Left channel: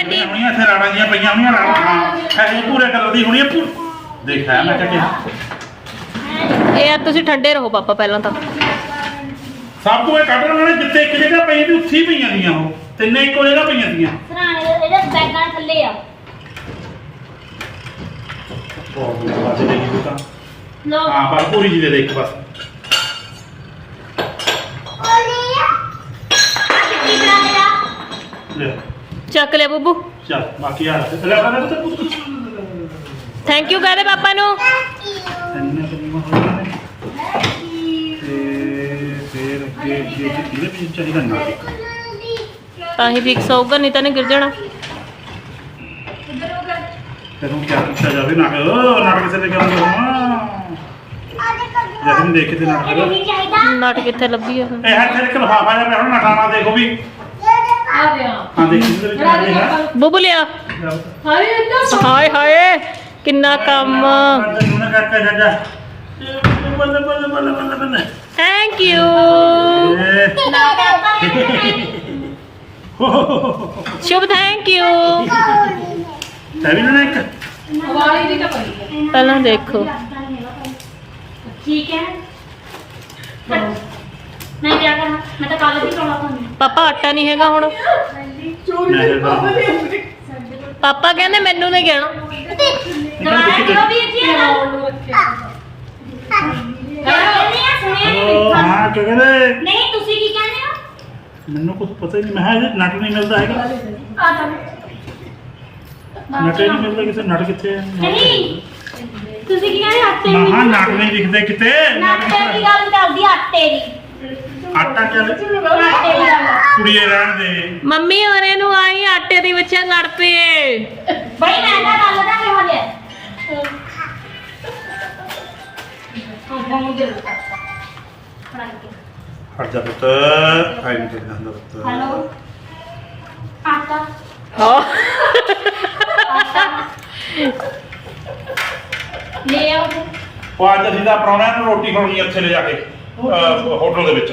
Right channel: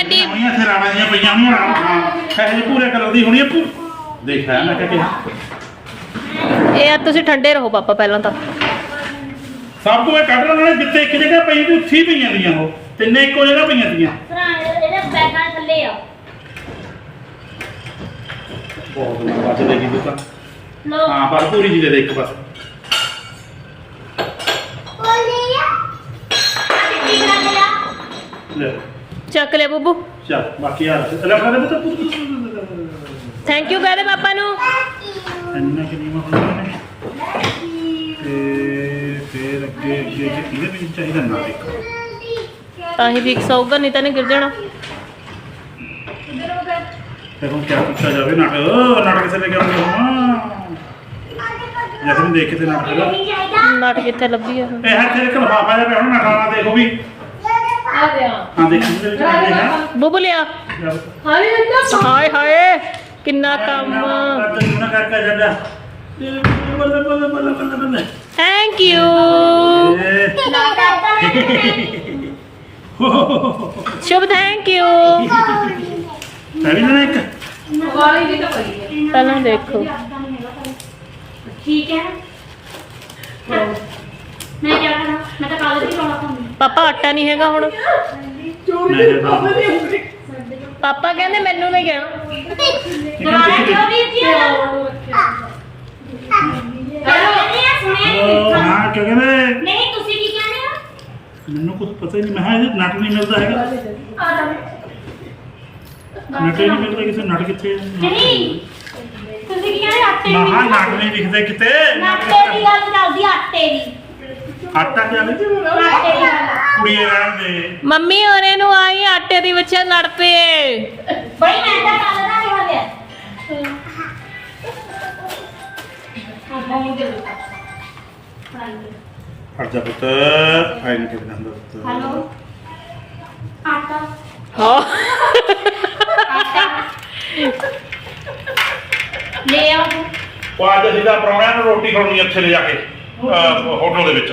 ਸਾਡੀ। ਹੋਣੀਆਂ ਇੱਥੇ ਰਾਣਾਂ ਦੀਆਂ ਪਈਆਂ ਹੋਣੀਆਂ ਰਾਣਾਂ ਹਾਂ ਇਹ ਪੂਰੇ ਕਲਰ ਦੀ ਹੋਣੀ ਹੈ ਪੂਰ ਦੇਖਿਆ ਮੈਂ ਕਿਹਾ ਕਿਹਾ ਇਹ ਆ ਤੁਸੀਂ ਠੰਡੇ ਰਹੋ ਪਾਪਾ ਪਹਿਲਾਂ ਤਾਂ। ਸਭ ਤੋਂ ਇਹ ਕੱਢ ਲੈਣਾ ਜਿੱਥੇ ਇੱਕ ਜਗ੍ਹਾ ਪਈ ਦੀ ਉੱਥੇ ਹੀ ਪਈਆਂ ਦੀਆਂ ਉਹ ਤਿੰਨੇ ਇੱਕੋ ਜਗ੍ਹਾ ਪਈਆਂ ਦੀਆਂ ਸਰਾਣੇ ਇਹਦੇ ਬੈਗਾਂ ਥੱਲੇ ਆ। ਬਹੁਤ ਬਚ ਦੇਗੀ ਤੂੰ ਤਾਂ। ਲੋ ਹਾਂ ਪਰ ਪੂਰੀ ਜੀ ਦੇ ਦੇ ਇੱਕ ਬਸ ਲੈ। ਚੱਕ ਲਿਆ ਬੱਬੂ। ਚੱਲ ਬਾਕੀ ਆ ਲੈ ਆਪਣਾ ਦੇ ਤਾਂ ਪੁੱਤ। ਥੈਂਕ ਯੂ ਕਹਦੇ ਪਾਪਾ ਨੂੰ? ਇੰਨਾ ਨੇ ਤੇ ਫਿਰ ਅੱਗੇ ਅੱਗੇ ਜੇ ਕਿਹਦੇ ਵਿੱਚ ਚਾਹੀਦਾ ਨਾ ਦੇਖ। ਤਾਂ ਹੀ ਫਿਕਸ ਹੋਊਗਾ ਨਹੀਂ ਤਾਂ ਨੇ ਗਿਰ ਜਾਣਾ। ਫਿਰ ਹੁਣ ਕਿਆ ਕੀਤਾ ਜਾਵੇ? ਨਾਟਕ ਉਹ ਨਾਟਕ ਕਿਸੇ ਨੇ ਕਿਹਾ ਹਾਂ? ਜੈਸੇ ਵੀ ਦੇਖੇ ਤੇ ਨਾਟਕ ਦਾ ਨਹੀਂ ਚਾਹੀਦਾ ਨਟ ਕਿੱਥੇ ਲੱਭੀ ਆ ਇਹ ਹਰ ਤੇ ਇੱਕ ਲਫਾਫਾ ਜਿਹਾ ਪਿਆ ਹੁਣ ਨਟਾਣਾ ਦੇਖੋ ਵੀ। ਆ ਗਿਆ ਹਾਂ ਦੇਖੀ ਇਹਦੇ ਵਿੱਚ ਕੀ ਹੈ ਬੱਬੂ ਲਿਆ। ਹਾਏ ਅੱਲਾ ਹਾਏ ਹਾਏ ਕਿੰਨਾ ਕੰਮ। ਨਾ ਕਰ ਕਰ ਜਾ ਜਾ ਬੱਲੇ ਬੱਲੇ ਬੱਲੇ ਬੱਲੇ ਬੱਲੇ ਥੈਂਕ ਯੂ ਸ਼ੁਭ ਥੈਂਕ ਯੂ ਤਵੀ ਨਾ ਇੱਕ? ਵਾਲੀ ਵੀ ਤਾਂ ਪਈ ਹੈ। ਪਹਿਲਾਂ ਦੇਖੋ। ਠੀਕ ਹੈ। ਮੈਂ ਕੀ ਕਰਨਾ ਮੈਂ ਤਾਂ ਕੱਲ ਵੀ ਰੋਣਾ ਤੁਹਾਨੂੰ ਪਾਪਾ ਆਟਾ ਨਹੀਂ ਹੈਗਾ ਹੁਣ। ਮੈਂ ਪਾਪਾ ਕਹਿੰਦੇ ਮੈਨੂੰ ਨਹੀਂ ਕਹਿਣਾ। ਦੁਬਾਰਾ ਕਿਉਂ ਵੀ ਇੱਥੇ ਕਹਿੰਦੇ ਆ ਸੁਣਿਆ ਹਲੋ ਨਹੀਂ ਹਾਂ ਕੀ ਕਹਿੰਦੇ? ਨਹੀਂ ਤੁਸੀਂ ਕੀ ਕਹਿੰਦੇ ਹੋ? ਮੈਨੂੰ ਕੁਝ ਪਤਾ ਹੀ ਨਹੀਂ। ਮੈਂ ਕਿਹਾ ਇਹ ਨਟ ਨਹੀਂ ਮਿਲਦਾ ਹੈਗਾ। ਆ ਨਟ ਹੀ ਨਹੀਂ ਮਿਲਦਾ ਕਿਤੇ। ਨਟ ਕਿੱਥੇ ਹੈ ਨਹੀਂ ਤੁਸੀਂ ਕੀ ਕਹਿੰਦੇ ਆਟੇ ਦੀ ਨਟ ਨਹੀਂ ਦਿਖਦੇ ਕਿਤੇ। ਆਟੇ ਦੀ ਗੱਲ ਕਰਦੀ ਆਟੇ ਦੀ। ਆਟਾ ਕਿਆ ਵੇ ਆਟੇ ਦੀ ਗੱਲ ਕੁੜੀਏ ਰਹਿਣ ਦੇ। ਮੰਮੀ ਹੋਰੇ ਨੂੰ ਆਈ ਆਟੇ ਦੀ ਬੱਚਾ ਲੜ ਪਏ ਬਈ ਮੈਂ ਤਾਂ ਕੱਲ ਦਾ ਹੋ ਦਿੱਤਾ ਹਟ ਜਾ ਪੁੱਤ। ਆਈ ਨਹੀਂ ਜਾਂਦਾ ਪੁੱਤ। ਹਲੋ। ਆਟਾ। ਹਾਂ। ਆਟਾ। ਲੈ ਆਓ। ਉਹ ਅੱਜ ਅਸੀਂ ਤਾਂ ਪ੍ਰਾਹੁਣਿਆਂ ਨੂੰ ਰੋਟੀ ਖਾਣੀ ਇੱਥੇ ਲੈ ਜਾ ਕੇ ਅਹ, ਹੋਟਲ ਦੇ ਵਿੱਚ।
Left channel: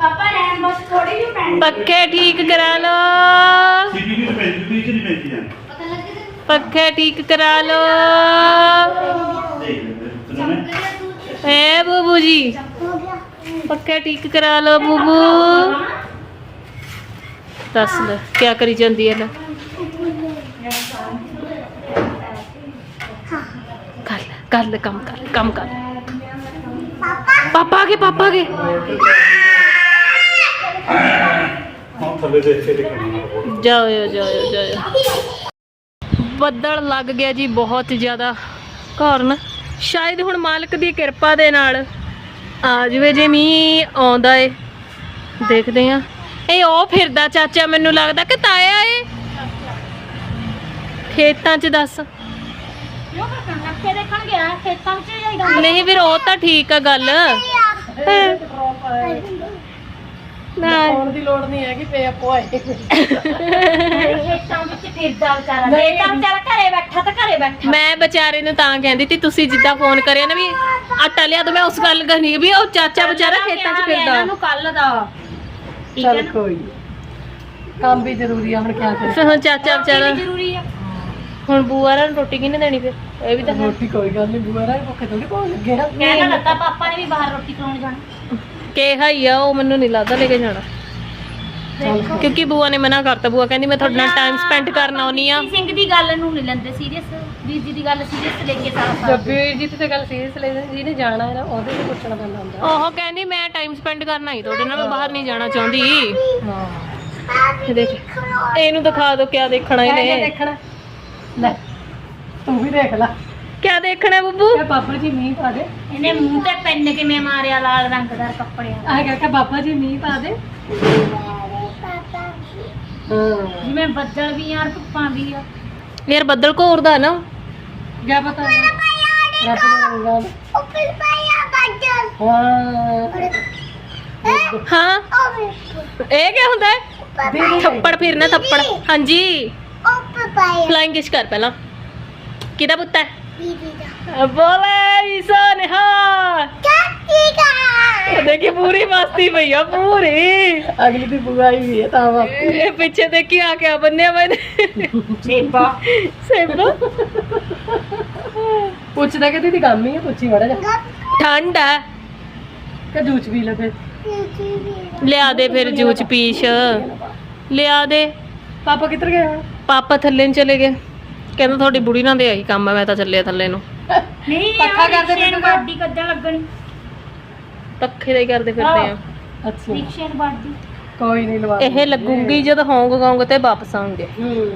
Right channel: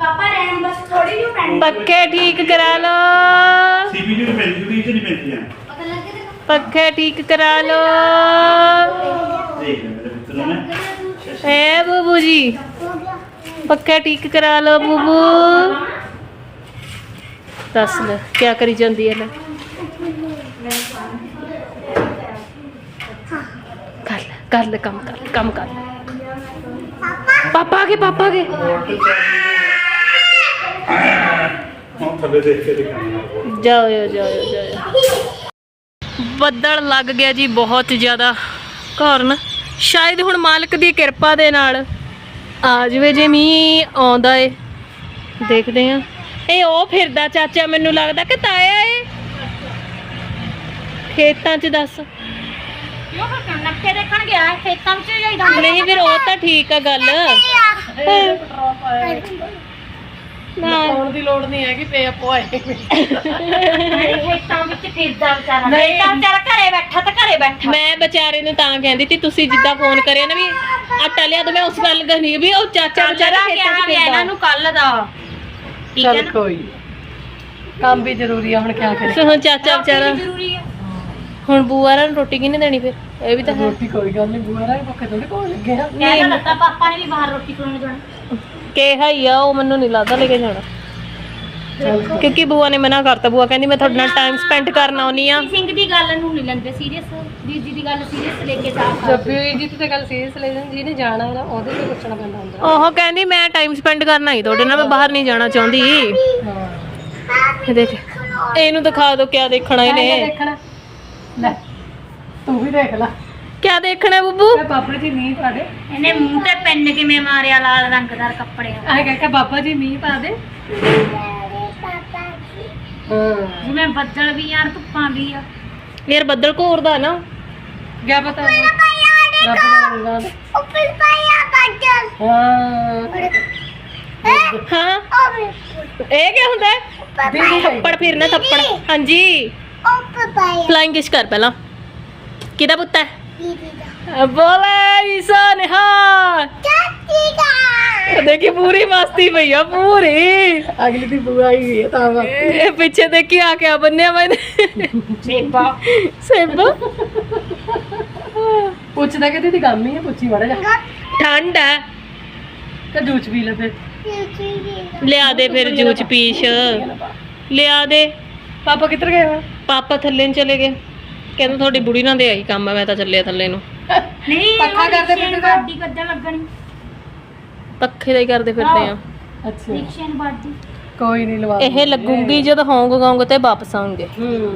पापा रहन बस थोड़ी पक्के ठीक करा लो। सीपीयू तो पहन है। पक्के ठीक करा लो। ए बूबू जी। पक्के ठीक करा लो बूबू। दस लो क्या करी जाती है ना कर ले कर ले कम कर ले कम कर ले। पापा? के पापा के ਹੁਣ ਥੱਲੇ ਦੇ ਇੱਥੇ ਦੇਖਣਾ ਜਾਓ ਜਾਓ ਜਾਓ। ਬੱਦਲ ਲੱਗ ਗਿਆ ਜੀ ਬਹੁਤ ਜ਼ਿਆਦਾ ਕਾਰਨ। ਸ਼ਾਇਦ ਹੁਣ ਮਾਲਕ ਦੀ ਕਿਰਪਾ ਦੇ ਨਾਲ ਆ ਜਵੇ ਜੇ ਮੀਂਹ ਆਉਂਦਾ ਏ। ਦੇਖਦੇ ਆ ਇਹ ਉਹ ਫਿਰਦਾ ਚਾਚਾ, ਮੈਨੂੰ ਲੱਗਦਾ ਕਿ ਤਾਇਆ ਏ। ਖੇਤਾਂ 'ਚ ਦੱਸ। ਨਹੀਂ ਫਿਰ ਉਹ ਤਾਂ ਠੀਕ ਆ ਗੱਲ। ਨਾ। ਫੋਨ ਦੀ ਲੋੜ ਨਹੀਂ ਹੈਗੀ ਪੇ ਆਪੋ ਆਏ। ਖੇਤਾਂ ਵਿੱਚ ਫਿਰਦਾ ਵਿਚਾਰਾ ਖੇਤਾਂ ਵਿਚਾਰਾ ਘਰੇ ਬੈਠਾ ਤਾਂ ਘਰੇ ਬੈਠਾ। ਮੈਂ ਵਿਚਾਰੇ ਨੂੰ ਤਾਂ ਕਹਿੰਦੀ ਤੀ ਤੁਸੀਂ ਜਿੱਦਾਂ ਫੋਨ ਕਰਿਆ ਨਾ ਵੀ ਆਟਾ ਲਿਆ ਤਾਂ ਮੈਂ ਉਸ ਗੱਲ ਕਰਨੀ ਵੀ ਉਹ ਚਾਚਾ ਵਿਚਾਰਾ ਖੇਤਾਂ 'ਚ ਫਿਰਦਾ। ਇਹਨਾਂ ਨੂੰ ਕੱਲ ਦਾ। ਠੀਕ ਹੈ ਚੱਲ ਨਾ? ਕੋਈ ਕੰਮ ਵੀ ਜ਼ਰੂਰੀ ਆ ਹੁਣ ਕਿਆ ਕਰੇ ਫਿਰ ਹੁਣ ਚਾਚਾ ਵਿਚਾਰਾ। ਜ਼ਰੂਰੀ ਹੈ ਹੁਣ ਬੂਆ ਰਾਂ ਨੂੰ ਰੋਟੀ ਕਿਹਨੇ ਦੇਣੀ ਫਿਰ? ਇਹ ਵੀ ਤਾਂ ਹੈ। ਰੋਟੀ ਕੋਈ ਗੱਲ ਨਹੀਂ ਬੁਆ ਰਾਈ ਭੁੱਖੇ ਥੋੜੀ ਪਾਉਣ ਲੱਗੇ ਆ। ਕਹਿਣਾ ਲੱਗਾ ਪਾਪਾ ਨੇ ਵੀ ਬਾਹਰ ਰੋਟੀ ਖਾਣ ਜਾਣਾ। ਕਿਹਾ ਹੀ ਆ ਉਹ ਮੈਨੂੰ ਨਹੀਂ ਲੱਗਦਾ ਲੈ ਕੇ ਜਾਣਾ। ਕਿਉਂਕਿ ਬੂਆ ਨੇ ਮਨਾ ਕਰਤਾ ਬੂਆ ਕਹਿੰਦੀ ਮੈਂ ਤੁਹਾਡੇ ਨਾਲ ਟਾਈਮ ਸਪੈਂਡ ਕਰਨ ਆਉਣੀ ਆ। ਸਿੰਘ ਦੀ ਗੱਲ ਨੂੰ ਨਹੀਂ ਲੈਂਦੇ ਸੀਰੀਅਸ ਦੀਦੀ ਦੀ ਗੱਲ ਸੀਰੀਅਸ ਲੈ ਕੇ ਸਾਫ਼ ਜੱਬੀ ਜੀ ਤੇ ਗੱਲ ਸੀਰੀਅਸ ਲੈ ਜਾਂਦੀ ਜਿਹਨੇ ਜਾਣਾ ਹੈ ਨਾ ਉਹਦੇ ਤੇ ਪੁੱਛਣਾ ਪੈਂਦਾ ਹੁੰਦਾ। ਉਹ ਕਹਿੰਦੀ ਮੈਂ ਟਾਈਮ ਸਪੈਂਡ ਕਰਨਾ ਹੀ ਤੁਹਾਡੇ ਨਾਲ ਮੈਂ ਬਾਹਰ ਨਹੀਂ ਜਾਣਾ ਚਾਹੁੰਦੀ। ਹਾਂ। ਇਹ ਦੇਖ ਇਹਨੂੰ ਦਿਖਾ ਦਿਓ ਕਿਆ ਦੇਖਣਾ ਇਹਨੇ। ਦੇਖਣਾ? ਲੈ ਤੂੰ ਵੀ ਦੇਖ ਲੈ। ਕਿਆ ਦੇਖਣਾ ਬੱਬੂ? ਕਹ ਬਾਬਾ ਜੀ ਮੀਂਹ ਪਾ ਦੇ। ਇਹਨੇ ਮੂੰਹ ਤੇ ਪੈਨ ਕਿਵੇਂ ਮਾਰਿਆ ਲਾਲ ਰੰਗਦਾਰ ਕੱਪੜੇ ਆਹ ਕਹਿੰਦਾ ਬਾਬਾ ਜੀ ਮੀਂਹ ਪਾ ਦੇ। ਹਾਂ। ਜਿਵੇਂ ਬੱਦਲ ਵੀ ਯਾਰ ਧੁੱਪਾਂ ਵੀ ਆ। ਯਾਰ ਬੱਦਲ ਘੋਰਦਾ ਨਾ। ਕਿਆ ਪਤਾ ਰੱਬ ਦਾ ਰੰਗਾਂ ਉੱਪਰ ਪਾਇਆ ਬੱਦਲ। ਹਾਂ। ਹਾਂ? ਇਹ ਕੀ ਹੁੰਦਾ ਹੈ? ਥੱਪੜ ਫਿਰਨਾ ਥੱਪੜ। ਹਾਂਜੀ। ਉੱਪਰ ਪਾਇਆ। ਫਲਾਈਂਗ ਕਿਸ ਕਰ ਪਹਿਲਾਂ? ਕਿਹਦਾ ਪੁੱਤ ਹੈ? ਦੀਦੀ ਦਾ ਬੋਲੇ ਈਸਾ ਨਿਹਾਲ ਚਾਚੀ ਦਾ ਦੇਖੀ ਪੂਰੀ ਮਸਤੀ ਪਈ ਆ ਪੂਰੀ ਅਗਲੀ ਦੀ ਬੁਆ ਹੀ ਹੋਈ ਹੈ ਤਾਂ ਵਾ ਇਹ ਪਿੱਛੇ ਦੇਖੀ ਆ ਕੇ ਬੰਨਿਆ ਮੈਨੇ ਸੇਬਾ ਸੇਬ ਪੁੱਛਦਾ ਕਿ ਦੀਦੀ ਗੰਮ ਹੀ ਹੈ ਪੁੱਛੀ ਮਾੜਾ ਜਾ ਠੰਡ ਹੈ ਤੇ ਜੂਚ ਪੀ ਲੈ ਫਿਰ ਚਾਚੀ ਦੀ ਲਿਆ ਦੇ ਫਿਰ ਕਹਿੰਦਾ ਤੁਹਾਡੀ ਬੁੜੀ ਨਾਲ ਦੇ ਆਈ ਕੰਮ ਆ ਮੈਂ ਤਾਂ ਚੱਲਿਆ ਥੱਲੇ ਨੂੰ। ਨਹੀਂ ਪੱਖਾ ਕਰਦੇ ਰਿਕਸ਼ੇ ਨੂੰ ਫਿਰਦੇ ਬਾਡੀ ਕੱਢਣ ਲੱਗਣੀ। ਪੱਖੇ ਦਾ ਹੀ ਕਰਦੇ ਫਿਰਦੇ ਆ। ਅੱਛਾ। ਰਿਕਸ਼ੇ ਨੂੰ ਬਾਡੀ। ਕੋਈ ਨਹੀਂ ਲਵਾ ਇਹ ਲੱਗੂਗੀ ਜਦ ਹਾਂਗਕਾਂਗ ਤੇ ਵਾਪਸ ਆਉਂਗੇ ਹੂੰ।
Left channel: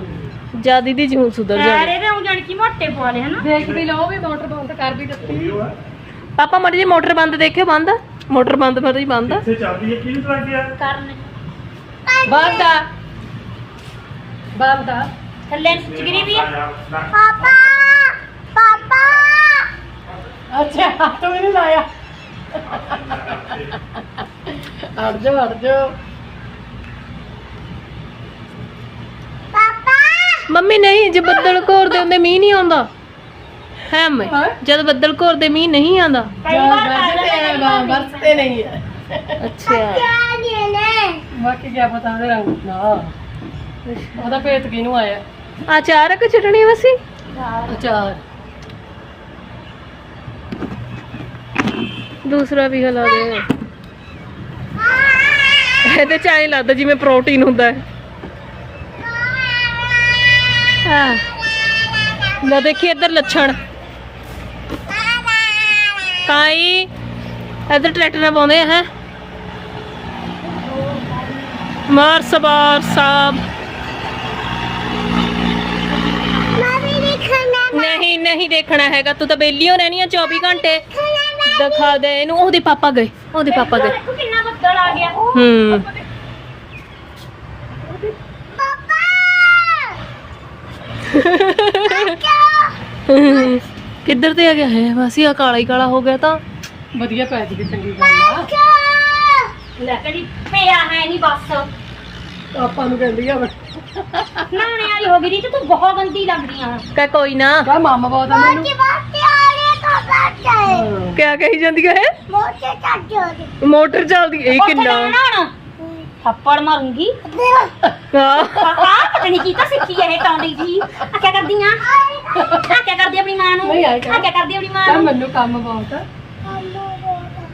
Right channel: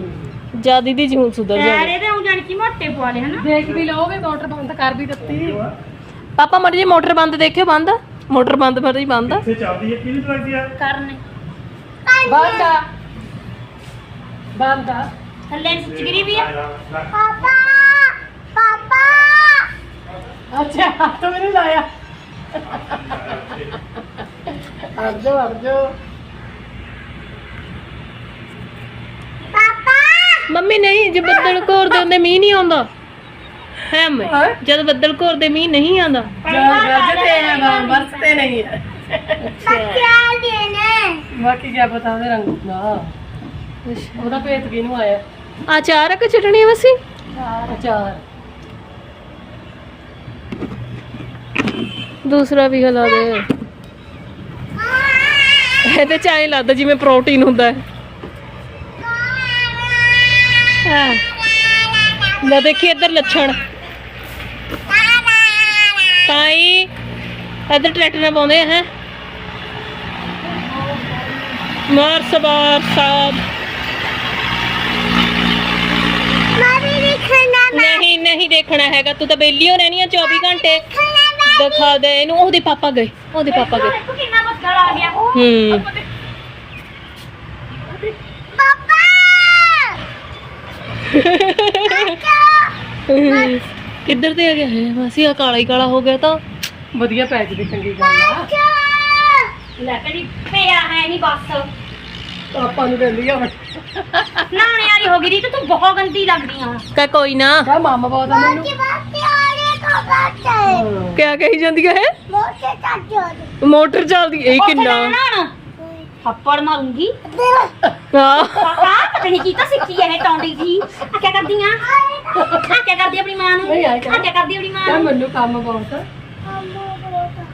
ਜਦ ਇਹਦੀ ਜੂਨ ਸੁਧਰ ਜਾਵੇ। ਪੈਰੇ ਤੇ ਉਹ ਕੀ ਮੋਟੇ ਪਵਾ ਲਏ ਹਨਾ? ਦੇਖ ਵੀ ਲਓਗੇ ਮੋਟਰ ਬੰਦ ਕਰ ਵੀ ਦਿੱਤੀ। ਪਾਪਾ ਮੜੀ ਜੀ ਮੋਟਰ ਬੰਦ ਦੇਖਿਓ ਬੰਦ? ਮੋਟਰ ਬੰਦ ਮੜੀ ਬੰਦ। ਆ? ਇੱਥੇ ਚੱਲਦੀ ਹੈ? ਕਿਹਨੂੰ ਚਲਾਉਂਦੀ ਆ? ਕਰਨੇ। ਬੰਦ ਆ। ਬੰਦ ਆ। ਥੱਲੇ ਨੂੰ ਚਿਗਰੀ ਵੀ ਆ ਪਾਪਾ ਪਾਪਾ ਪਾਪਾ ਅੱਛਾ ਹੱਥ ਵੀ ਨਹੀਂ ਲਾਇਆ ਅੜ ਜਾ ਅੜ ਜਾ ਪਾਪਾ ਮੰਮੀ ਨਹੀਂ ਜੇ ਬੱਦਲ ਘੋਰਦੇ ਹੁੰਦੇ ਮੀਂਹ ਨਹੀਂ ਆਉਂਦਾ ਹੈ ਮੈਂ ਹਾਂ। ਜਦ ਬੱਦਲ ਘੋਰਦੇ ਮੀਂਹ ਨਹੀਂ ਆਉਂਦਾ ਜਾ ਗੱਜਦੇ हैं ना बरसते नहीं है ਅੱਛਾ ਕਿਆ ਦੇਣਾ ਬਾਕੀ ਕੀ ਪਤਾ ਉਹਦੇ ਰੰਗ ਨਾ ਉਹਦਾ ਭੇਤ ਕਿਹਨੂੰ ਆਇਆ ਅਚਾਰਕ ਚਟਣੀ ਵਸੀ? ਅਚਾਰ ਦੂਸਰਾ ਵੀ ਹਿਲਾ ਦੇ। ਇਹਦੇ ਚ ਐਂ ਲੱਗਦਾ ਜਿਵੇਂ ਪ੍ਰੋਟੀਨ ਹੁੰਦਾ ਹੈ। ਹਾਂ। ਲੈ ਦੇਖੀ ਇੱਧਰ ਲੱਛਣ। ਕਾਈ ਇੱਧਰ ਟਰੈਕਟਰ ਨਾਲ ਪਾਉਂਦੇ ਹੈ? ਮਾਰ ਸਵਾਰ ਸਾਹਿਬ ਮੈਂ ਵੀ ਦੇਖਣਾ ਨਹੀਂ ਨਹੀਂ ਦੇਖਣਾ ਹੈਗਾ। ਤੂੰ ਤਾਂ ਬੇਲੀ ਹੋ ਰਹਿਣੀ ਆ 24 ਘੰਟੇ। ਦਿਖਾ ਦੇ ਇਹਨੂੰ। ਉਹਦੇ ਪਾਪਾ ਗਏ। ਉਹਦੇ ਪਾਪਾ ਗਏ। ਦੇਖੋ ਕਿੰਨਾ ਬੱਦਲ ਆ ਗਿਆ। ਹੂੰ। ਪਾਪਾ ਕਿੱਧਰ ਤੇ ਆ ਗਿਆ? ਹੈ ਵਾਸੀ ਆ ਕਾਲਾ ਹੀ ਕਾਲਾ ਹੋ ਗਿਆ ਤਾਂ। ਵਧੀਆ ਪੈ ਜੀ ਚੰਗੀ ਗੱਲ ਆ। ਲੈ ਕਦੀ ਪਿਆ ਹੈ ਨਹੀਂ ਬਸ। ਆਪਾਂ ਨੂੰ ਕਹਿੰਦੀ ਆ ਨਾਣੇ ਵਾਲੀ ਹੋ ਗਈ ਦੀ ਤੂੰ ਬਹੁਤ ਗੰਦੀ ਲੱਗਦੀ ਆ। ਕਹ ਕੋਈ ਨਾ। ਕਾ ਮਾਮਾ ਬਹੁਤ ਆ ਮੈਨੂੰ। ਬਾਤੇ ਆ ਰਹੇ ਤਾਂ ਬਾਤੇ ਹਾਂ। ਕਿਆ ਕਹੀ ਜਾਂਦੀ ਹੈ ਮੋਟਰ ਚੱਲਦੀ ਇਹ ਕਿੰਨਾ? ਥੱਪੜ ਮਾਰੂੰਗੀ। ਹਾਂ। ਪਾਪਾ ਪਤਾ ਨਹੀਂ ਕੀ ਤਾਂ ਸਿੱਖੀ ਇਹ ਟੌਂਡੀ ਜੀ। ਆ ਕੀ ਕਰਦੀਆਂ ਆ? ਕੀ ਕਰਦੀ ਆਪਣੀ ਮਾਂ ਨੂੰ? ਨਹੀਂ, ਆ ਆਏ ਕੀ ਕਰ। ਕਰਦੀ ਆਪਣੀ ਮਾਂ ਕਾ ਨੂੰ? ਮੈਨੂੰ ਕੰਮ ਬਹੁਤ ਆ।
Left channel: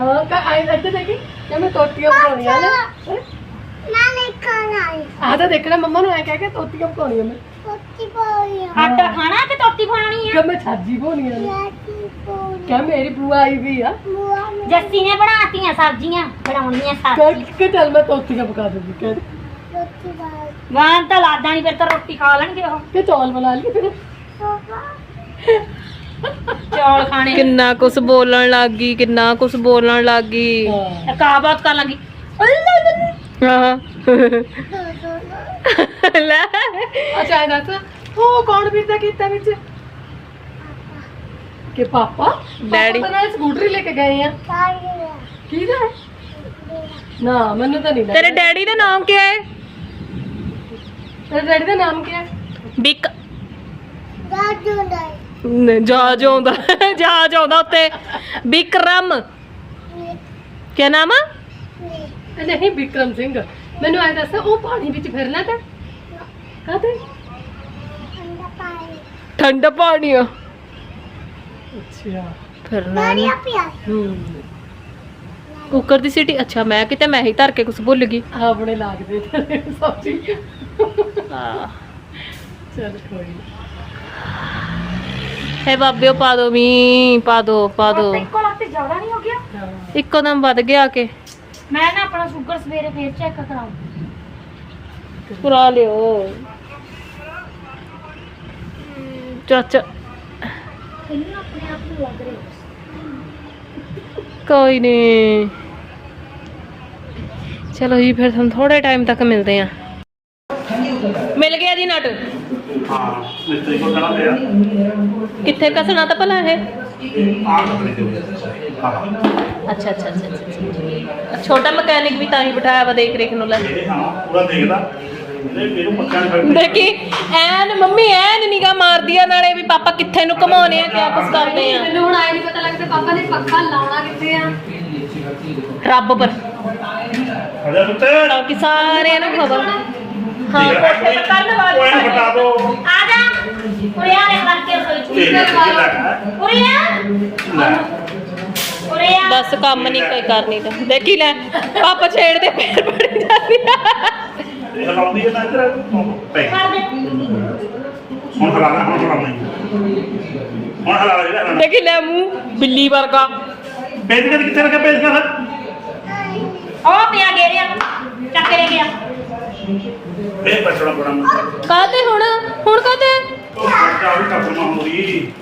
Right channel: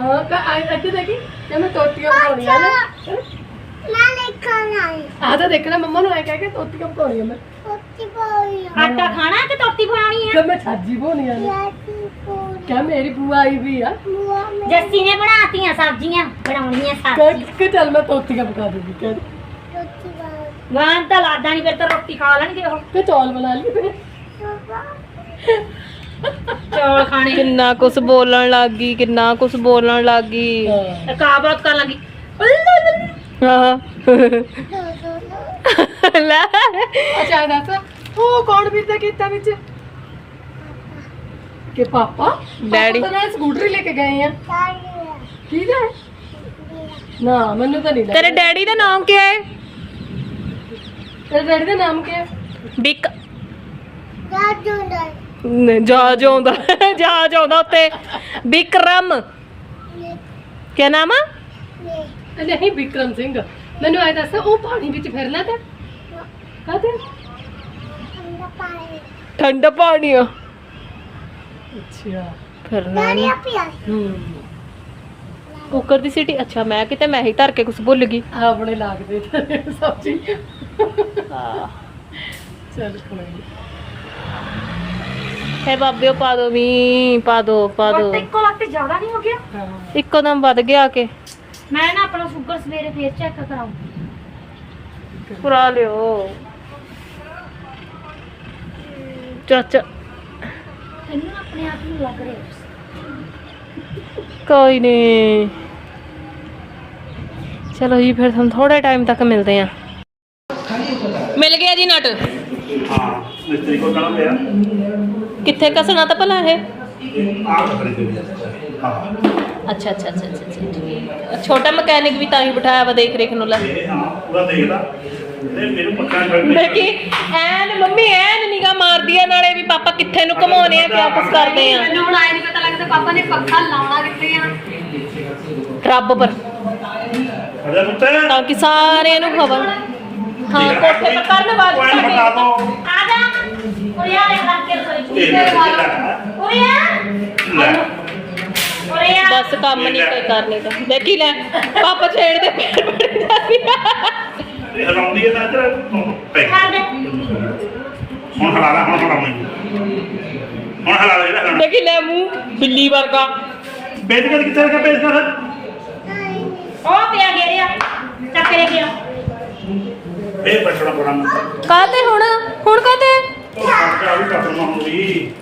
ਹਾਂ ਕਾ ਆਈ ਇੱਥੇ ਦੇਖੀ ਕਿ ਮੈਂ ਤੋਤੀਆਂ ਬਣਾਉਣੀਆਂ ਨੇ। ਨਾ ਲਿਖਣਾ ਆ ਤਾਂ ਦੇਖਣਾ ਮੰਮਾ ਨੂੰ ਐ ਕਹਿ ਕੇ ਤੋਤੀਆਂ ਪਕਾਉਣੀਆਂ ਮੈਂ ਤੋਤੀ ਪਾਉਣੀ ਆਟਾ ਖਾਣਾ ਕਿ ਤੋਤੀ ਖਾਣੀ ਕਿ ਮੈਂ ਛਾਜੀ ਬਣਾਉਣੀਆਂ ਨੇ ਯਾਤੀ ਪਾਉਣੀ ਕਹ ਮੇਰੀ ਬੂਆ ਆਈ ਵੀ ਆ ਜੱਸੀ ਨੇ ਬਣਾਤੀਆਂ ਸਬਜ਼ੀਆਂ ਬਣਾਉਣੀਆਂ ਕਹਿ ਸਬਜ਼ੀ ਕਿ ਚੱਲ ਮੈਂ ਤੋਤੀਆਂ ਪਕਾ ਦੂੰਗੀ ਕਹਿ ਤੋਤੀ ਬਾਲ ਵਾਂ ਤਾਂ ਲਾਦਾ ਨਹੀਂ ਫਿਰ ਤਾਂ ਰੋਟੀ ਖਾ ਲੈਣਗੇ ਉਹ ਕਿ ਚੌਲ ਬਣਾ ਲਈ ਫਿਰ ਚੌਲ ਖਾਣੇ ਕਿੰਨਾ ਕੁਛ ਬੋਲਣ ਲੱਗ ਗਈ ਕਿੰਨਾ ਕੁਛ ਬੋਲਣ ਲੱਗ ਗਈ ਹਾਂ ਕਾ ਬਾਤ ਕਰ ਲੱਗੀ ਹਾਂ ਲੈ ਅੱਛਾ ਇਹ ਦੱਸ। ਉਹ ਕੌਣ ਪੀਤਾ ਕੀਤਾ ਵਿੱਚ? ਕਿ ਪਾਪਾ? ਡੈਡੀ। ਪਾਪਾ ਤਾਂ ਨਾਲ ਸਕੂਟਰੀ ਲੈ ਕੇ ਗਏ ਆ। ਕੀ ਦਾ ਨਾ ਮੈਨੂੰ ਤਾਂ ਨਹੀਂ ਲੱਗਦਾ। ਤੇਰੇ ਡੈਡੀ ਦਾ ਨਾਮ ਕੀ ਹੈ? ਤੇਰੇ ਡੈਡੀ ਦਾ ਨਾਮ ਕੀ ਹੈ? ਬਿਕ। ਦਾਦੂ ਨਹੀਂ ਨ- ਜਹਾਜ਼ ਆਉਂਦਾ ਜਹਾਜ਼ ਆਉਂਦਾ ਉੱਤੇ। ਬਿਕਰਮ। ਕੀ ਨਾਮ ਆ? ਨਹੀਂ ਵਿਕਰਮ ਸਿੰਘ ਮੈਨੂੰ ਐ ਦੱਸ ਉਹ ਪਾਣੀ ਵਿੱਚ ਫਿਰਨਾ ਤਾਂ? ਕਾਹਦੇ ਪਾਣੀ ਠੰਡਾ ਪਾਣੀ ਆ। ਅੱਛਾ। ਫਿਰਨਾ ਹੂੰ। ਕੁੱਕਰ ਦੀ ਸੀਟੀ ਅੱਛਾ ਮੈਂ ਕਿਤੇ ਮੈਂ ਹੀ ਧਰ ਕੇ ਕੁਝ ਭੁੱਲ ਗਈ। ਆਪਣੇ ਲੱਗਦੇ ਤੇ ਸਬਜ਼ੀ। ਚਲ ਕੋਈ। ਹੈ ਬਾਬਿਓ ਪਾ ਦੋ ਮੀ ਪਾ ਦੋ ਪਾ ਦੋ। ਇੱਕੋ ਲੱਗਤੇ ਜ਼ਿਆਦਾ ਨਹੀਂ ਹੋ ਗਿਆ? ਇੱਕੋ ਦਮ ਵੱਧ ਗਿਆ ਕੇ। ਮੈਂ ਨਾ ਆਪਣਾ ਸ਼ੂਗਰ ਸਵੇਰੇ ਫੇਰ ਚੈੱਕ ਕਰਾਉਂ ਪੁਰਾ ਲਿਓ। ਚਾਚਾ। ਇਹਨੂੰ ਆਪਣੇ ਆਪ ਨੂੰ ਲੱਗ ਰਿਹਾ। ਕੋਈ ਨਹੀਂ ਚਲੋ ਜੀ ਫਿਰ ਤੁਹਾਨੂੰ ਥੋੜੇ ਟਾਈਮ ਤੱਕ ਮਿਲਦੇ ਆ ਮਿਲ ਗਿਆ ਜੀ ਨਟ। ਹਾਂ ਮਿਸਤਰੀ ਕੋਲ ਕਹਣਾ ਪਿਆ ਕਿੱਥੇ ਕਸਣਾ ਤਾਂ ਭਲਾ ਇਹ? ਆਹ ਕੱਪੜੇ ਦੇ ਹਾਂ। ਅੱਛਾ ਅੱਛਾ ਅੱਛਾ ਅੱਛਾ, ਅੱਛਾ ਛੋਟਾ ਮਕੈਨਿਕ ਵੀ ਤਾਂ ਹੀ ਬਿਠਾਇਆ ਵਾ ਦੇਖ ਰੇਖ ਨੂੰ ਲੈ। ਹਾਂ ਪੂਰਾ ਦੇਖਦਾ। ਇਹਨੇ ਮੈਨੂੰ ਪੱਕਾ ਛੱਡ ਦੇਖੀ ਐਨ ਮੰਮੀ ਐਨ ਨਿਗਾ ਮਾਰਦੀ ਆ ਨਾਲੇ ਵੀ ਪਾਪਾ ਕਿੱਥੇ ਨੂੰ ਘਮਾਉਨੇ ਆ ਕਿਆ ਕੁਛ ਕਰਦੇ ਆ? ਮੈਨੂੰ ਹੁਣ ਆਏ ਨਹੀਂ ਪਤਾ ਲੱਗਦਾ ਪਾਪਾ ਨੇ ਪੱਖਾ ਲਾਉਣਾ ਕਿੱਥੇ ਆ। ਰੱਬ ਪਰ। ਉੱਤੇ ਤਾਂ ਕਿ ਸਾਰਿਆਂ ਨੂੰ ਖਬਰ ਹਾਂ ਕੋਠੇ ਪਰ ਕਰਨ ਬਾਅਦ ਕੋਈ ਨਾ ਬਤਾ ਦੋ। ਆ ਜਾ। ਉਰੇ ਆ ਦੇ ਕਰਕੇ ਰਸੋਈ ਚ। ਇਹ ਨਾ ਉਰੇ ਆ। ਲੈ। ਬਸ ਕੰਮ ਨਹੀਂ ਕੋਈ ਕਰਨੀ ਤਾਂ। ਦੇਖੀ ਲੈ ਪਾਪਾ ਛੇੜਦੇ ਪੈਰ ਬੜੀ ਜਾਂਦੀ ਹਲਾਉਂਦੀ ਹੈ ਨਾ ਇੱਧਰ। ਪੈ ਹੁਣ ਹਲਾ ਲੈ ਹੁਣ ਹਲਾਉਣੀ ਹੁਣ ਹਲਾ ਲੈ ਜਿਹੜਾ ਹਲਾਉਣਾ। ਦੇਖੀ ਲੈ ਮੂੰਹ ਬਿੱਲੀ ਵਰਗਾ। ਪੇਜ ਕਰ ਕਿੱਥੇ ਰੱਖਿਆ ਪੇਜ ਕਰ ਉਹ ਪਿਆ ਗੇਰਿਆ ਚੱਕ ਲੈ ਗਿਆ ਇਹ ਬਚਣਾ ਬੋਲਾਂ ਕਾਤੇ ਹੁਣ? ਹੁਣ ਕਾਤੇ ਉਹ ਖਰਚਾ ਵੀ ਕਸਮ ਹੁੰਦੀ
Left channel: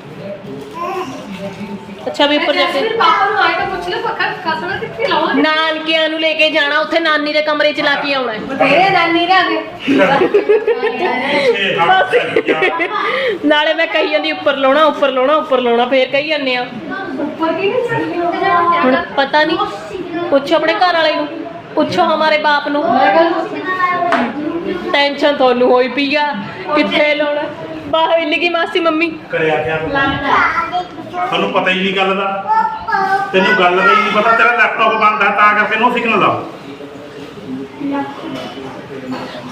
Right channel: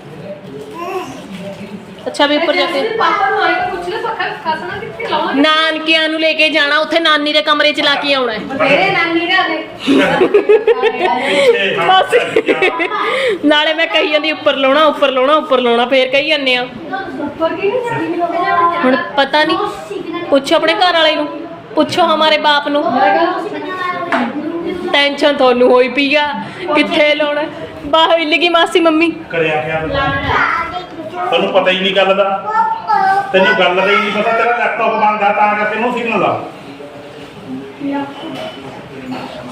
ਅੱਛਾ ਵੀ ਉੱਪਰ ਜਾ ਕੇ। ਫਿਰ ਪਾਪਾ ਨੂੰ ਆਏ ਤਾਂ ਪੁੱਛ ਲੈ ਪੱਖਾ ਖਸਣਾ ਕਿੱਥੇ ਲਾਉਣਾ ਨਾਨਕਿਆਂ ਨੂੰ ਲੈ ਕੇ ਜਾਣਾ ਉੱਥੇ ਨਾਨੀ ਦੇ ਕਮਰੇ 'ਚ ਲਾ ਕੇ ਆਉਣਾ ਹੈ। ਬਥੇਰੇ ਨਾਨੀ ਦਾ ਦੇ ਬਸ। ਨਾਲੇ ਮੈਂ ਕਹੀ ਜਾਂਦੀ ਉੱਪਰ ਲਾਉਣਾ ਉੱਪਰ ਲਾਉਣਾ ਉੱਪਰ ਲਾਉਣਾ ਫੇਰ ਕਹੀ ਜਾਂਦੇ ਆ। ਉੱਪਰ ਕੀ ਨਹੀਂ ਜਾਂਦੀ ਹੁਣ ਪਤਾ ਨਹੀਂ ਪੁੱਛੋ ਆਪਣੇ ਘਰ ਵਾਲੇ ਨੂੰ। ਪੁੱਛੋ ਹਮਾਰੇ ਬਾਪ ਨੂੰ। ਮੈਂ ਗੱਲ ਟੈਨਸ਼ਨ ਤੁਹਾਨੂੰ ਹੋਈ ਪਈ ਆ। ਕਿੱਥੇ ਲਾਉਣਾ? ਬਾਹ ਹਿੱਲ ਮਾਸੀ ਮੰਮੀ? ਕਰਿਆ ਕਿਆ ਤੁਹਾਨੂੰ ਪਤਾ ਹੀ ਨਹੀਂ ਗੱਲ ਦਾ। ਤੈਨੂੰ ਗੱਲ ਦਾ ਹੀ ਨਹੀਂ ਪਤਾ ਤੇਰਾ ਲੈਪਟਾਪ ਬੰਦ ਆ ਤਾਂ ਕਰਕੇ ਨੋ ਸਿਗਨਲ ਆ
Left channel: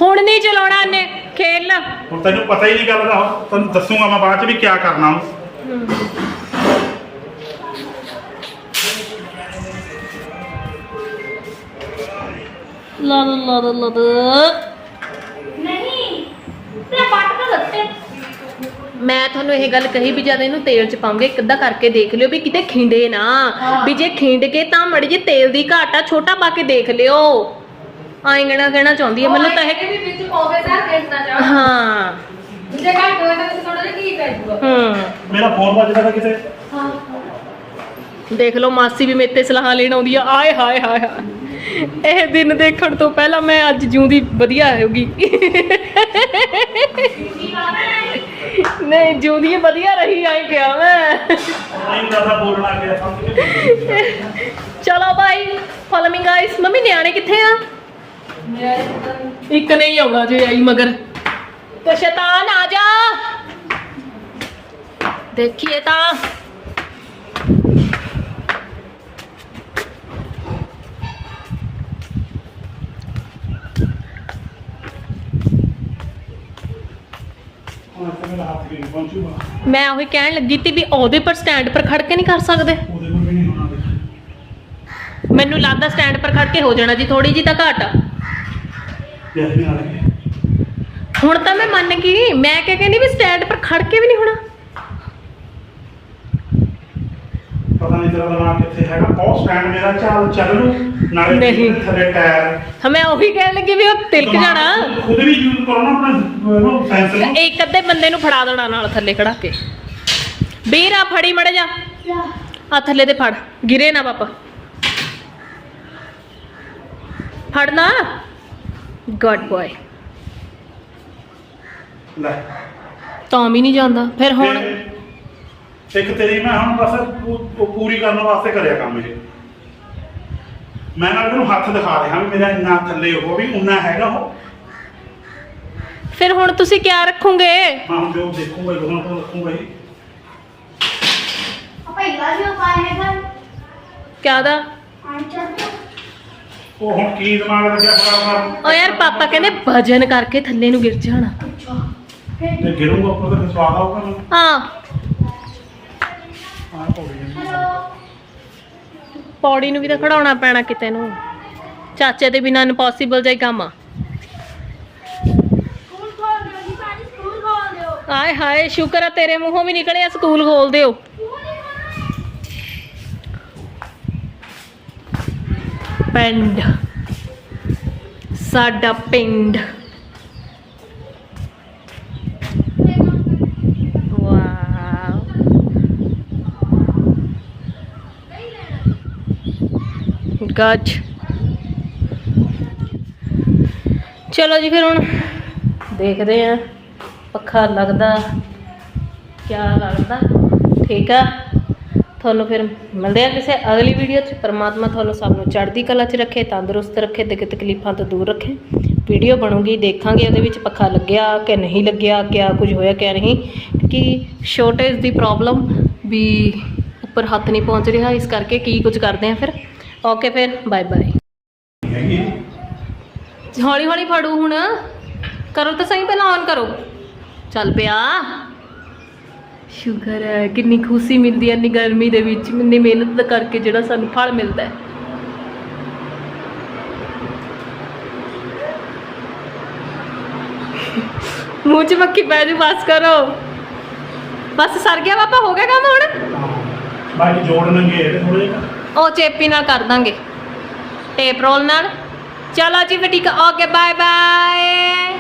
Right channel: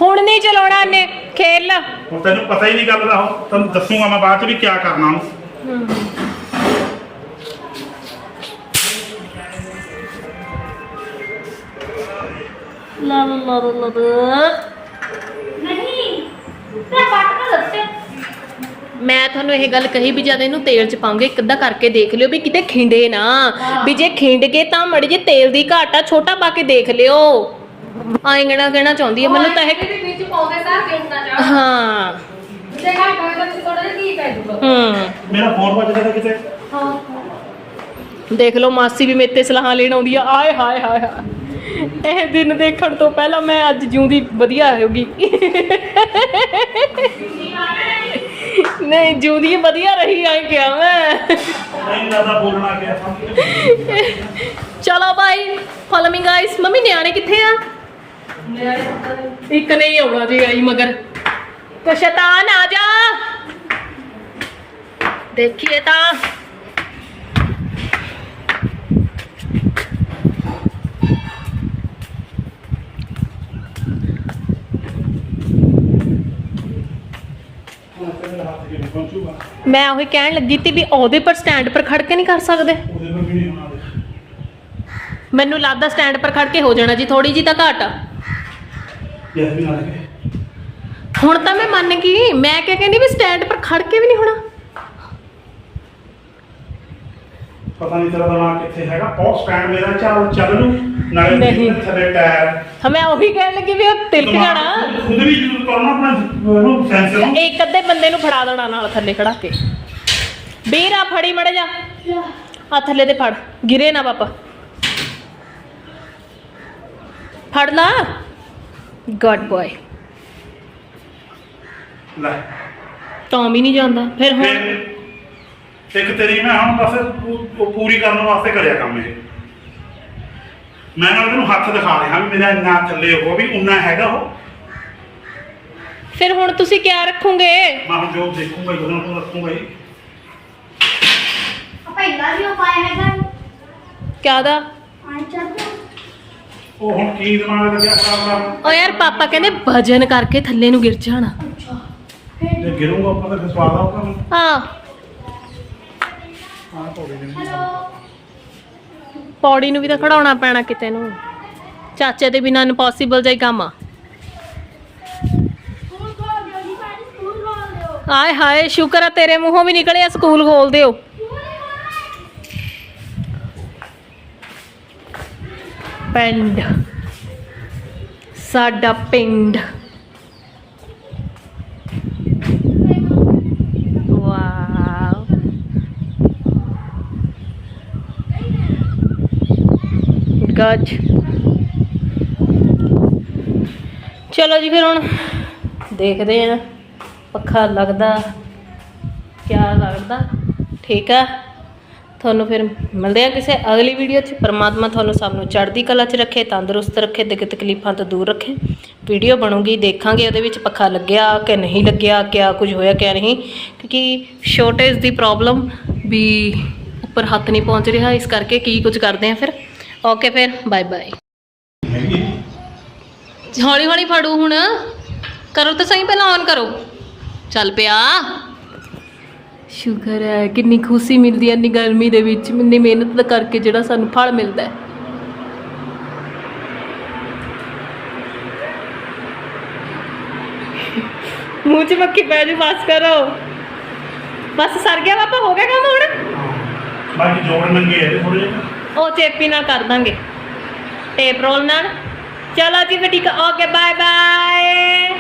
ਹੁਣ ਨਹੀਂ ਚਲਾਉਣਾ ਇਹਨੇ ਖੇਲ। ਹੁਣ ਤੈਨੂੰ ਪਤਾ ਹੀ ਨਹੀਂ ਗੱਲ ਦਾ ਤੈਨੂੰ ਦੱਸੂਗਾ ਮੈਂ ਬਾਅਦ ਚ ਵੀ ਕੀ ਕਰਨਾ ਉਹਨੂੰ। ਲਾ ਲਾ ਲਾ ਲਾ ਤੇ ਪੱਟ ਕੇ ਦੱਸੇ ਮੈਂ ਤੁਹਾਨੂੰ ਇਹ ਗੱਲ ਕਹੀ ਵੀ ਜਦ ਇਹਨੂੰ ਤੇਲ ਚ ਪਾਉਂਗੇ ਇੱਕ ਅੱਧਾ ਕਰਕੇ ਦੇਖ ਲਿਓ ਵੀ ਕਿਤੇ ਖਿੰਡੇ ਨਾ। ਵੀ ਜੇ ਖਿੰਡ ਕੇ ਤਾਂ ਮੜੀ ਜੇ ਤੇਲ ਦੀ ਘਾਟਾ ਛੋਟਾ ਪਾ ਕੇ ਦੇਖ ਲਿਓ। ਆਇੰਗਣਾ ਕਹਿਣਾ ਚਾਹੁੰਦੀ ਹੈ ਮੈਨੂੰ ਤਾਂ ਇਹ ਵੀ ਵਿੱਚ ਪਾਉਂਦੇ ਤਾਂ ਕਿੰਨਾ ਜਾ ਹਾਂ। ਜੇ ਗੱਲ ਹੋਏ ਤਾਂ ਤੁਸੀਂ ਥੋੜਾ ਜਿਹਾ ਕੀ ਪੈ ਜੂਗਾ ਹੂੰ। ਮੇਰਾ ਫੋਨ ਵੱਜਦਾ ਤਾਂ ਕਿਤੇ। ਦੇਖ ਲਓ ਮਾਸੀ ਵੀ ਮੇਰੇ ਤੇ ਸਲਾਹਾਂ ਲੈਣ ਆਉਂਦੀ ਆ। ਆਏ ਹਾਏ ਹਾਏ ਹਾਏ। ਇਹ ਦਿਨ ਦੇਖਣ ਤੋਂ ਪਹਿਲਾਂ ਮੈਂ ਅੱਜ ਜਿਉਂਦੀ ਵਧੀਆ ਹੋਗੀ। ਨਹੀਂ ਜਿਉਂਦੀ ਵਧੀਆ ਰਹੀ ਆਏ ਕਿਹਾ ਮੈਂ। ਨਹੀਂ ਜ਼ਿਆਦਾ ਬੋਲਣਾ ਗਿਆ ਸਮਝ ਚਲੋ bye follow me guys mummy ਨਿਆਣੇ ਕਿੱਥੇ ਆ? ਇੱਕ ਨਹੀਂ ਆਉਣਾ ਜੀ ਆਈ ਮਗਰ। ਤੇ ਸ਼ੈਤਾਨ ਆ ਜਾ। ਦੇਖੀਏ ਤਾਂ। ਹੁਣ ਤੇਰੇ ਹੱਥ ਕਿਵੇਂ ਪਹੁੰਚੂਗਾ ਮੈਂ ਉਹੀ ਕਹਿਣ ਲੱਗੀ ਤੀ ਵੀ ਉਹਦੇ ਪਰ ਸਟੈਂਡ ਪਰ ਖੜ ਕੇ ਨਹੀਂ ਕਰ ਸਕਦੇ। ਉਹਦੇ ਨੂੰ ਵੀ ਨਹੀਂ ਹੋਣਾ ਦੇਖ। ਮੈਨੂੰ ਲੱਗਦਾ ਸਟੈਂਡ ਪਰ ਖੜ ਕੇ ਹੋ ਜਾਣਾ ਜੀ ਥੋੜੀ ਜੀ ਤਾਂ ਘਾਟ। ਆ ਦੇਖ ਵੀ ਨਾਲ ਕੇ। ਹੁਣ ਤਾਂ ਮੈਂ ਮੰਨ ਗਈ। ਮੈਂ ਕਿਹਾ ਕਹਿੰਦੀ ਵੀ ਸਟੈਂਡ ਪਰ ਖੜ ਕੇ ਵੀ ਨਹੀਂ ਹੋਣਾ। ਪਤਾ ਨਹੀਂ ਤੇਰਾ ਦਿਮਾਗ ਕਿੱਥੇ ਹੈਗਾ। ਬਹੁਤ ਸਟੈਂਡ ਮੇਰਾ ਚੱਲ ਚੱਲ ਨੂੰ ਨਾਲੇ ਨਹੀਂ। ਥੱਲੇ ਟਾਇਰ। ਹਾਂ ਮੈਂ ਉਹੀ ਕਹਿਣ ਲੱਗੀ ਵੀ ਉਹ ਤਿਲਕ ਜਾਣਾ। ਉਹਦੇ ਵੀ ਯੂਜ਼ ਕਰਨਾ ਆਪਣਾ ਉਹਨੂੰ ਸੈਂਸਰ ਨੂੰ। ਇੱਕ ਅੱਧੇ ਬੰਦੇ ਨੂੰ ਫੜਾ ਦੇਣਾ ਨਾਲ ਥੱਲੇ ਖੜਾ ਕੇ। ਵੀਰ ਆ ਫੜੀ ਮੜ ਜਾ। ਆ ਥੱਲੇ ਤੇ ਫੜ। ਗਿਰੇ ਨਾ ਪਾਪਾ। ਫੜ ਲਾ ਗੁੱਡ ਬॉय ਲੈ। ਤਾਂ ਵੀ ਨਹੀਂ ਜਾਂਦਾ। ਫਿਰ ਹੁਣ ਇੱਕ ਤੇਰੀ ਮੈਂ ਹੁਣ ਬਸ ਪੂ- ਉਹ ਪੂਰੀ ਕਰਨ ਵਾਸਤੇ ਕਰਿਆ ਕੰਮ ਇਹ। ਮੈਂ ਨਾਲ ਤੈਨੂੰ ਹੱਥ ਦਿਖਾ ਰਿਹਾ ਵੀ ਮੇਰਾ ਇੰਨਾ ਥੱਲੇ ਉਹ ਵੀ ਉਨਾ ਹੈਗਾ ਉਹ। ਫਿਰ ਹੁਣ ਤੁਸੀਂ ਕਿਆ ਰੱਖੋਗੇ? ਮੈਂ ਹੁਣ ਜੋ ਦੇਖੂੰਗਾ ਹੀ ਉਹਨਾਂ ਕੋਲ ਰੱਖੂੰਗਾ ਹੀ। ਪਹਿਲਾਂ ਵੀ ਉਪਾਅ ਹੈਗਾ। ਕਿਆ ਦਾ ਆਈ ਚੱਲ। ਉਹ ਹੁਣ ਕੀ ਦਿਮਾਗ ਲੱਗਿਆ ਖਰਾਬ ਕਰ ਓ ਯਾਰ ਪਾਪਾ ਕਹਿੰਦੇ ਵਜਨ ਕਰਕੇ ਥੱਲੇ ਨੂੰ ਗਿਰ ਜਾਣਾ। ਤੇ ਗਿਰੂੰਗਾ ਉੱਪਰ ਤੇ ਸਵਾਦ ਆਊਗਾ ਮੈਨੂੰ। ਹਾਂ। ਆਹ ਪੌੜੀ ਦੇ ਹੈਲੋ। ਪੌੜੀ ਨੂੰ ਵੀ ਤਾਂ ਖੜਾਉਣਾ ਪੈਣਾ ਕਿਤੇ ਨੂੰ। ਚਾਚੇ ਦੇ ਬਿਨਾਂ ਇੰਪੋਸੀਬਲ ਹੀ ਕੰਮ ਆ। ਆਏ ਹਾਏ ਸ਼ੁਕਰ ਆ ਤੇਰੇ ਮੂੰਹੋਂ ਵੀ ਨਿਕਲਿਆ ਸਕੂਲ ਖੋਲ ਦਿਓ। ਪਿੰਡ। ਸਾਡਾ ਪਿੰਡ। ਗੱਜ। ਚਲੋ ਜੀ ਫਿਰ ਹੁਣ ਦੇਖਦੇ ਆਂ ਪੱਖਾ ਲੱਗਦਾ, ਕਿਆ ਲੱਗਦਾ? ਠੀਕ ਆ। ਤੁਹਾਨੂੰ ਫਿਰ ਮਿਲਦੇ ਆ ਕਿਸੇ ਅਗਲੀ ਵੀਡੀਓ 'ਚ। ਪਰਮਾਤਮਾ ਤੁਹਾਨੂੰ ਸਭ ਨੂੰ ਚੜ੍ਹਦੀ ਕਲਾ 'ਚ ਰੱਖੇ, ਤੰਦਰੁਸਤ ਰੱਖੇ ਦਿੱਕ ਤਕਲੀਫਾਂ ਤੋਂ ਦੂਰ ਰੱਖੇ। ਵੀਡੀਓ ਬਣੂਗੀ, ਦੇਖਾਂਗੇ ਉਹਦੇ ਵਿੱਚ ਪੱਖਾ ਲੱਗਿਆ ਕਿ ਨਹੀਂ ਲੱਗਿਆ, ਕਿਆ ਕੁਝ ਹੋਇਆ, ਕਿਆ ਨਹੀਂ। ਕਿਉਂਕਿ ਸ਼ੋਰਟੇਜ ਦੀ ਪ੍ਰੋਬਲਮ ਵੀ ਉੱਪਰ ਹੱਥ ਨਹੀਂ ਪਹੁੰਚ ਰਿਹਾ, ਇਸ ਕਰਕੇ ਕੀ ਕੁਝ ਕਰਦੇ ਆ ਫਿਰ। ਓਕੇ ਫਿਰ ਬਾਏ ਬਾਏ ਹੈਗੀ ਹੌਲੀ ਹੌਲੀ ਫੜੂ ਹੁਣ। ਕਰੋ ਤਾਂ ਸਹੀ ਪਹਿਲਾਂ ਔਨ ਕਰੋ। ਚੱਲ ਪਿਆ। ਸ਼ੁਕਰ ਹੈ ਕਿੰਨੀ ਖੁਸ਼ੀ ਮਿਲਦੀ ਹੈ ਇੰਨੀ ਗਰਮੀ ਦੇ ਵਿੱਚ। ਇੰਨੀ ਮਿਹਨਤ ਕਰਕੇ ਜਿਹੜਾ ਸਾਨੂੰ ਫਲ ਮਿਲਦਾ ਹੈ। ਮੂੰਹ 'ਚ ਮੱਖੀ ਪੈ ਜੂ ਬਸ ਕਰੋ। ਬਸ ਸਰ ਗਿਆ ਪਾਪਾ ਹੋ ਗਿਆ ਕੰਮ ਹੁਣ? ਬਾਕੀ ਜੋੜ ਨੰਗੇ ਇਹਦੇ ਥੋੜੇ ਜਿਹੇ। ਉਹ ਚੇਪੀ ਨਾਲ ਕਰ ਦਾਂਗੇ। ਟੇਪ ਰੋਲ ਨਾਲ। ਚਲੋ ਜੀ ਫਿਰ ਠੀਕ ਆ। Okay bye bye